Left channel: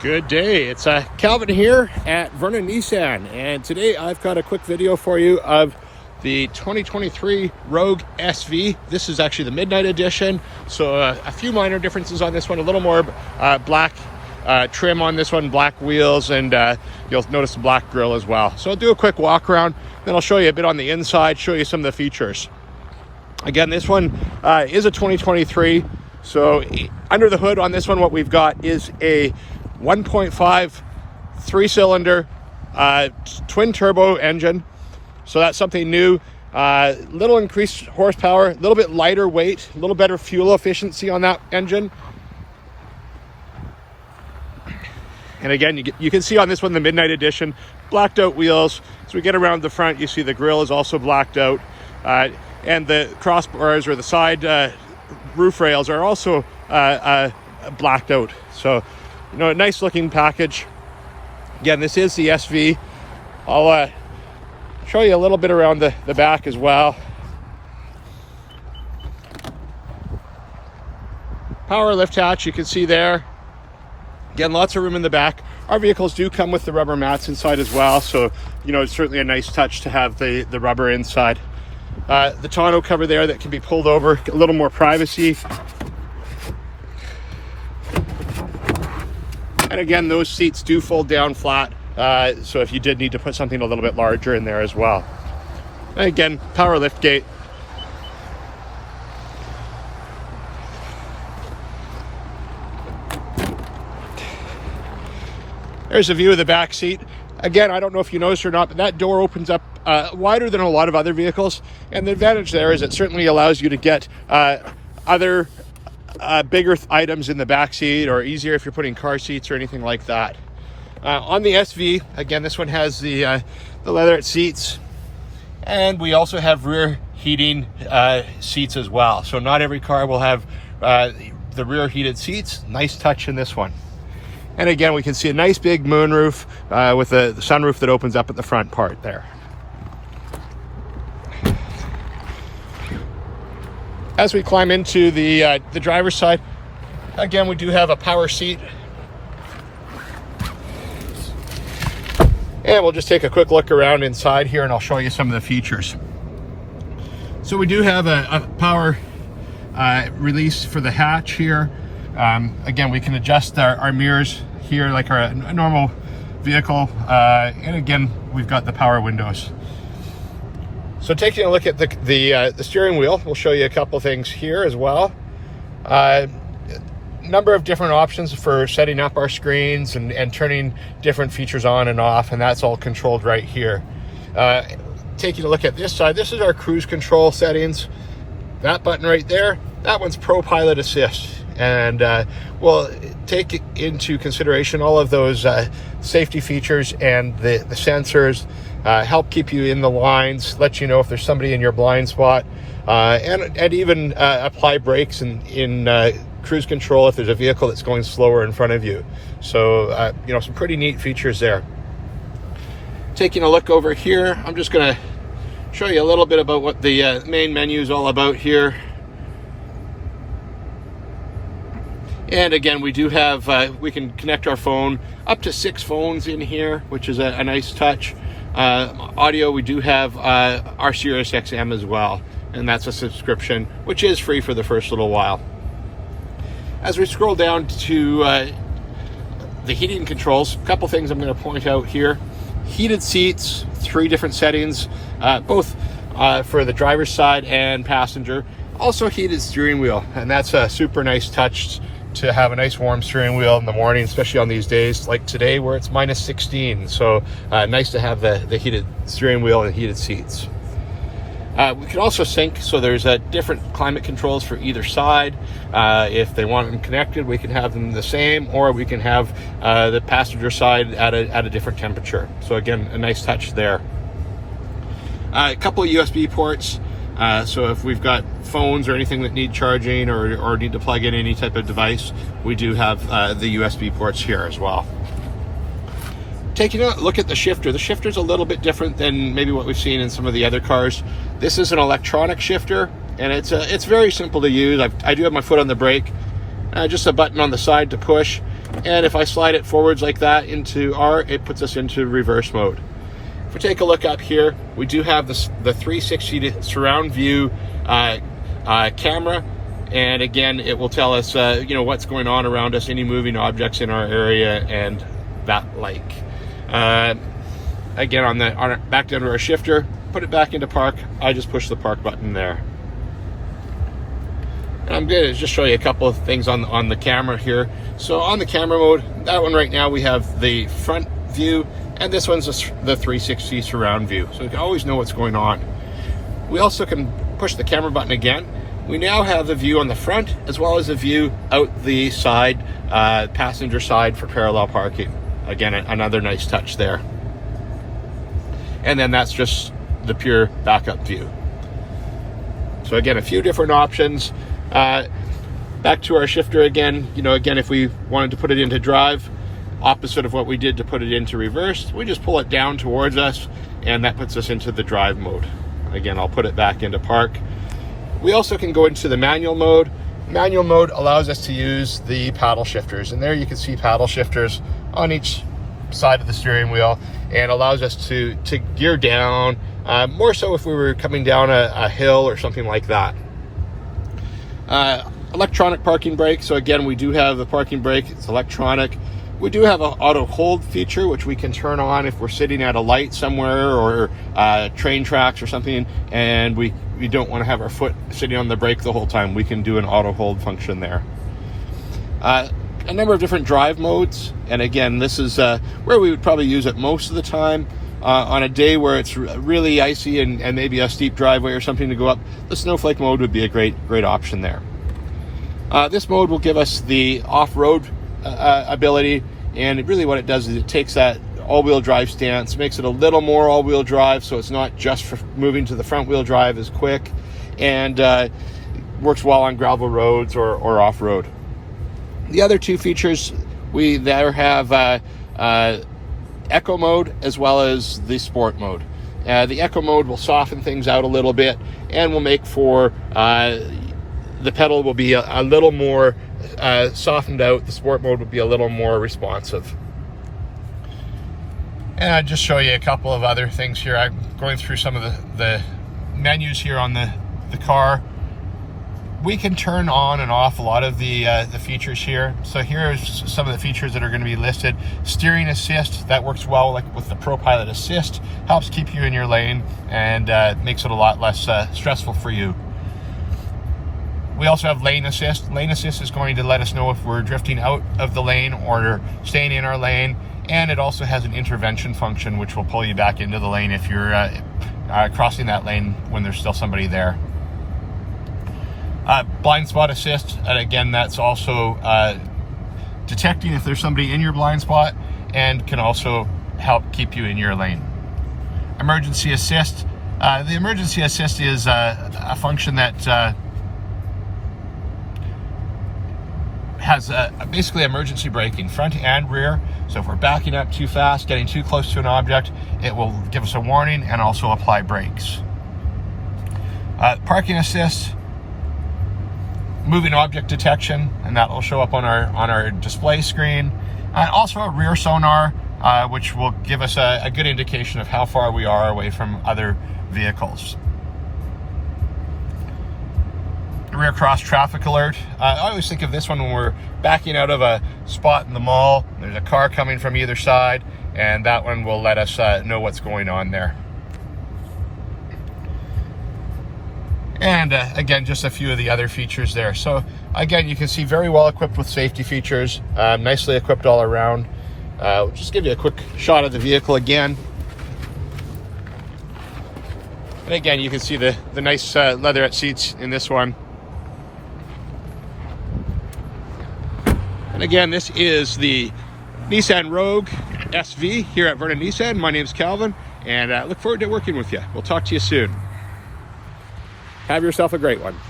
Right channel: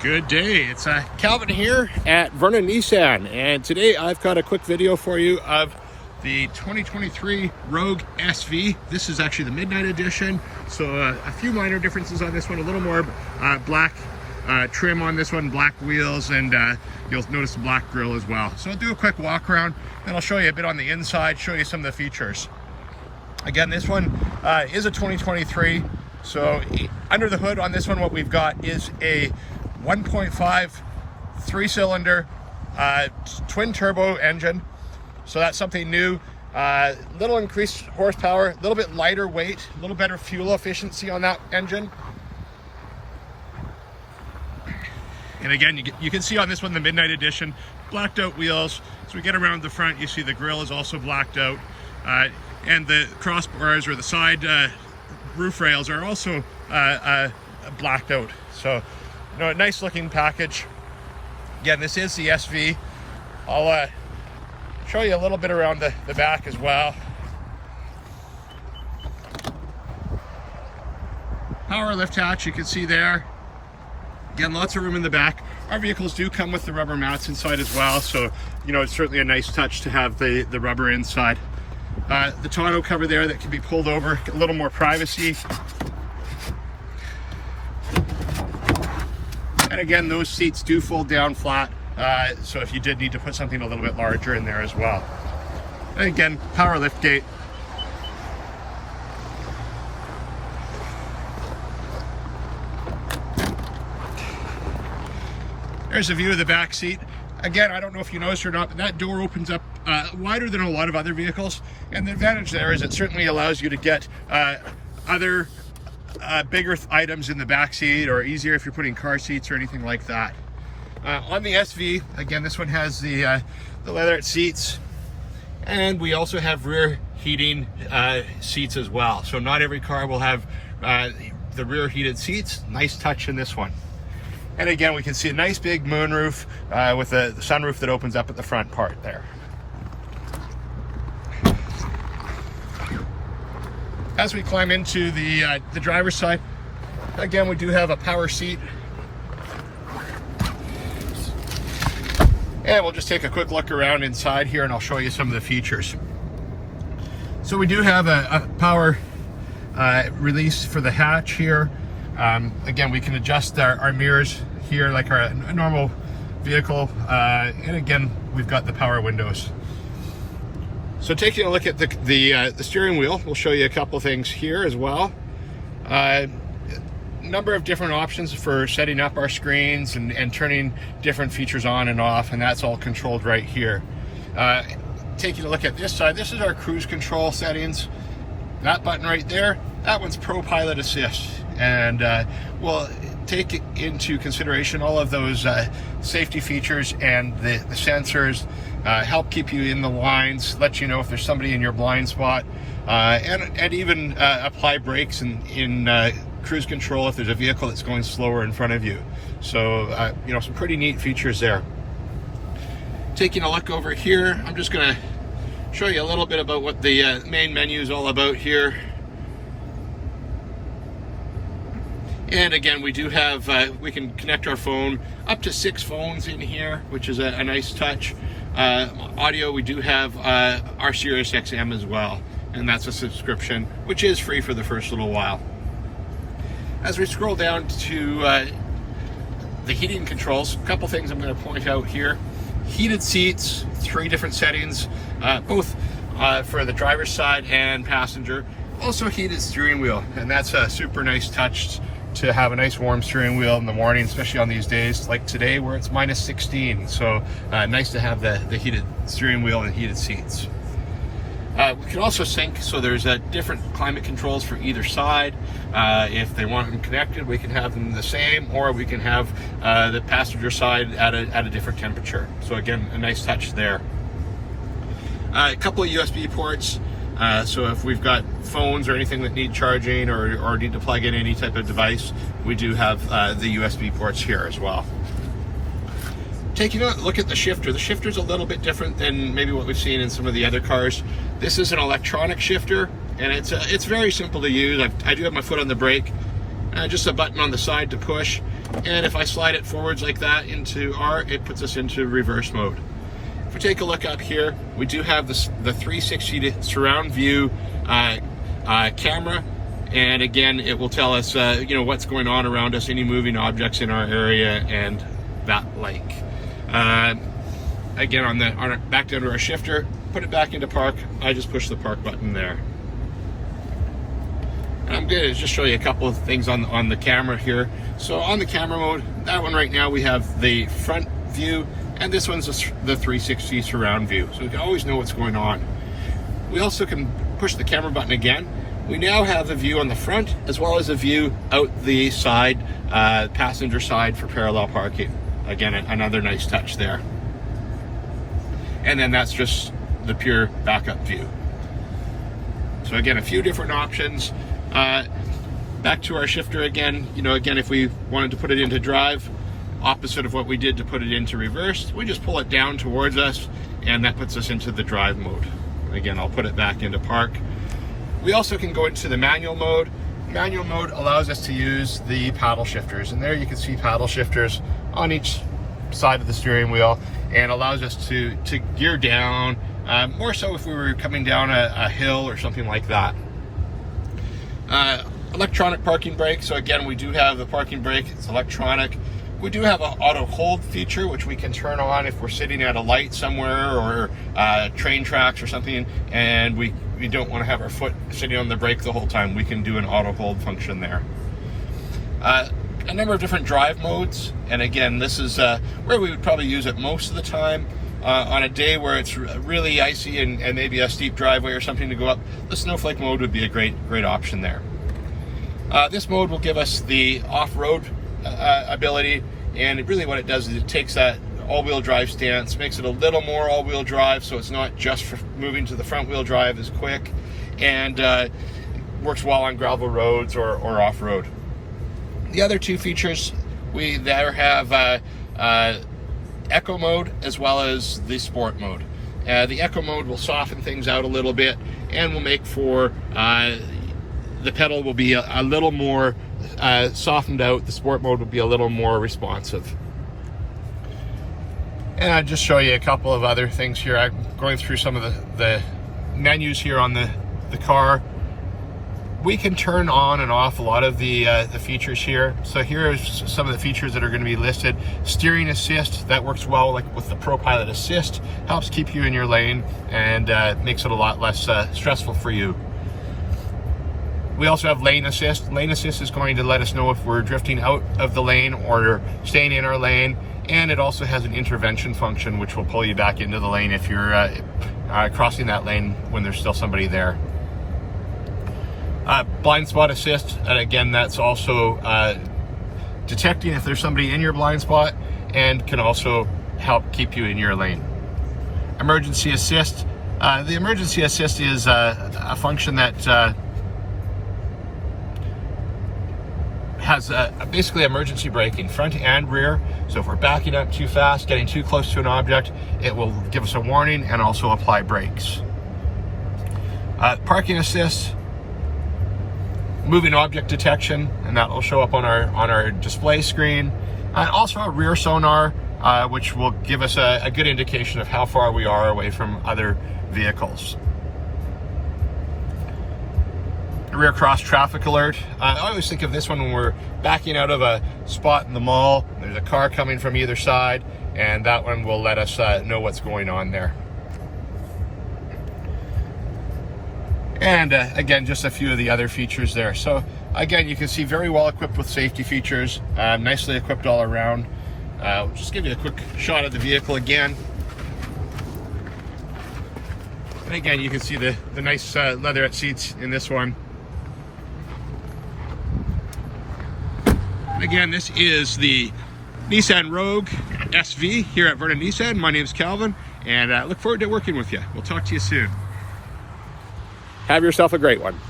Good day, it's Calvin here at Vernon Nissan, and today I've got a quick video for you of the 2023 Rogue SV. This is actually the midnight edition, so a few minor differences on this one. A little more black trim on this one, black wheels, and you'll notice the black grille as well. So I'll do a quick walk around, then I'll show you a bit on the inside, show you some of the features. Again, this one is a 2023, so under the hood on this one, what we've got is a 1.5 three-cylinder twin turbo engine, so that's something new. Little increased horsepower, a little bit lighter weight, a little better fuel efficiency on that engine. And again, you can see on this one, the midnight edition, blacked out wheels. So we get around the front, you see the grille is also blacked out, and the crossbars or the side roof rails are also blacked out. So, you know, a nice looking package. Again, this is the SV. I'll show you a little bit around the back as well. Power lift hatch, you can see there. Again, lots of room in the back. Our vehicles do come with the rubber mats inside as well, so you know, it's certainly a nice touch to have the rubber inside. The tonneau cover there that can be pulled over, a little more privacy. And again, those seats do fold down flat, so if you did need to put something a little bit larger in there as well. And again, power lift gate. There's a view of the back seat. Again, I don't know if you noticed or not, but that door opens up wider than a lot of other vehicles. And the advantage there is it certainly allows you to get other bigger items in the back seat, or easier if you're putting car seats or anything like that. On the SV, again, this one has the leather seats, and we also have rear heating seats as well. So not every car will have the rear heated seats. Nice touch in this one. And again, we can see a nice big moonroof with a sunroof that opens up at the front part there. As we climb into the driver's side, again, we do have a power seat. And we'll just take a quick look around inside here and I'll show you some of the features. So we do have a power release for the hatch here. Again, we can adjust our mirrors here like a normal vehicle. And again, we've got the power windows. So taking a look at the steering wheel, we'll show you a couple things here as well. Number of different options for setting up our screens and turning different features on and off, and that's all controlled right here. Taking a look at this side, this is our cruise control settings. That button right there, that one's Pro Pilot Assist, and we'll take into consideration all of those safety features and the sensors. Help keep you in the lines, let you know if there's somebody in your blind spot, and even apply brakes in cruise control if there's a vehicle that's going slower in front of you. So, you know, some pretty neat features there. Taking a look over here, I'm just going to show you a little bit about what the main menu is all about here. And again, we do have, we can connect our phone, up to 6 phones in here, which is a nice touch. Audio, we do have our Sirius XM as well, and that's a subscription, which is free for the first little while. As we scroll down to the heating controls, a couple things I'm going to point out here. Heated seats, 3 different settings, both for the driver's side and passenger. Also heated steering wheel, and that's a super nice touch to have a nice warm steering wheel in the morning, especially on these days like today where it's minus 16. So nice to have the heated steering wheel and heated seats. We can also sync, so there's different climate controls for either side. If they want them connected, we can have them the same, or we can have the passenger side at a different temperature. So again, a nice touch there. A couple of USB ports. So if we've got phones or anything that need charging or need to plug in any type of device, we do have the USB ports here as well. Taking a look at the shifter. The shifter's a little bit different than maybe what we've seen in some of the other cars. This is an electronic shifter, and it's very simple to use. I do have my foot on the brake, just a button on the side to push, And if I slide it forwards like that into R, it puts us into reverse mode. If we take a look up here, we do have the 360 surround view camera. And again, it will tell us, what's going on around us, any moving objects in our area, and that like. Again, on back down to our shifter, put it back into park. I just push the park button there. And I'm going to just show you a couple of things on the camera here. So on the camera mode, that one right now we have the front view, and this one's the 360 surround view. So you can always know what's going on. We also can push the camera button again. We now have a view on the front as well as a view out the side, passenger side for parallel parking. Again, another nice touch there. And then that's just the pure backup view. So again, a few different options. Back to our shifter again. Again, if we wanted to put it into drive, opposite of what we did to put it into reverse, we just pull it down towards us, and that puts us into the drive mode. Again, I'll put it back into park. We also can go into the manual mode. Manual mode allows us to use the paddle shifters, and there you can see paddle shifters on each side of the steering wheel, and allows us to gear down, more so if we were coming down a hill or something like that. Electronic parking brake. So again, we do have the parking brake. It's electronic. We do have an auto hold feature, which we can turn on if we're sitting at a light somewhere or train tracks or something, and we don't want to have our foot sitting on the brake the whole time. We can do an auto hold function there. A number of different drive modes, and again, this is where we would probably use it most of the time. On a day where it's really icy and maybe a steep driveway or something to go up, the snowflake mode would be a great option there. This mode will give us the off-road ability, and really what it does is it takes that all-wheel drive stance, makes it a little more all-wheel drive, so it's not just for moving to the front-wheel drive as quick, and works well on gravel roads or off-road. The other two features, we there have Eco mode as well as the Sport mode. The Eco mode will soften things out a little bit and will make for the pedal will be a little more softened out. The Sport mode will be a little more responsive. And I'll just show you a couple of other things here. I'm going through some of the menus here on the car. We can turn on and off a lot of the features here. So here's some of the features that are going to be listed. Steering assist, that works well like with the ProPilot Assist, helps keep you in your lane and makes it a lot less stressful for you. We also have lane assist. Lane assist is going to let us know if we're drifting out of the lane or staying in our lane. And it also has an intervention function, which will pull you back into the lane if you're crossing that lane when there's still somebody there. Blind spot assist, and again, that's also detecting if there's somebody in your blind spot and can also help keep you in your lane. Emergency assist. The emergency assist is a function that has basically emergency braking, front and rear. So if we're backing up too fast, getting too close to an object, it will give us a warning and also apply brakes. Parking assist, moving object detection, and that will show up on our display screen. Also a rear sonar, which will give us a good indication of how far we are away from other vehicles. Rear cross traffic alert. I always think of this one when we're backing out of a spot in the mall. There's a car coming from either side, and that one will let us know what's going on there. And again, just a few of the other features there. So again, you can see very well equipped with safety features, nicely equipped all around. We'll just give you a quick shot of the vehicle again. And again, you can see the nice leatherette seats in this one. And again, this is the Nissan Rogue SV here at Vernon Nissan. My name is Calvin, and I look forward to working with you. We'll talk to you soon. Have yourself a great one.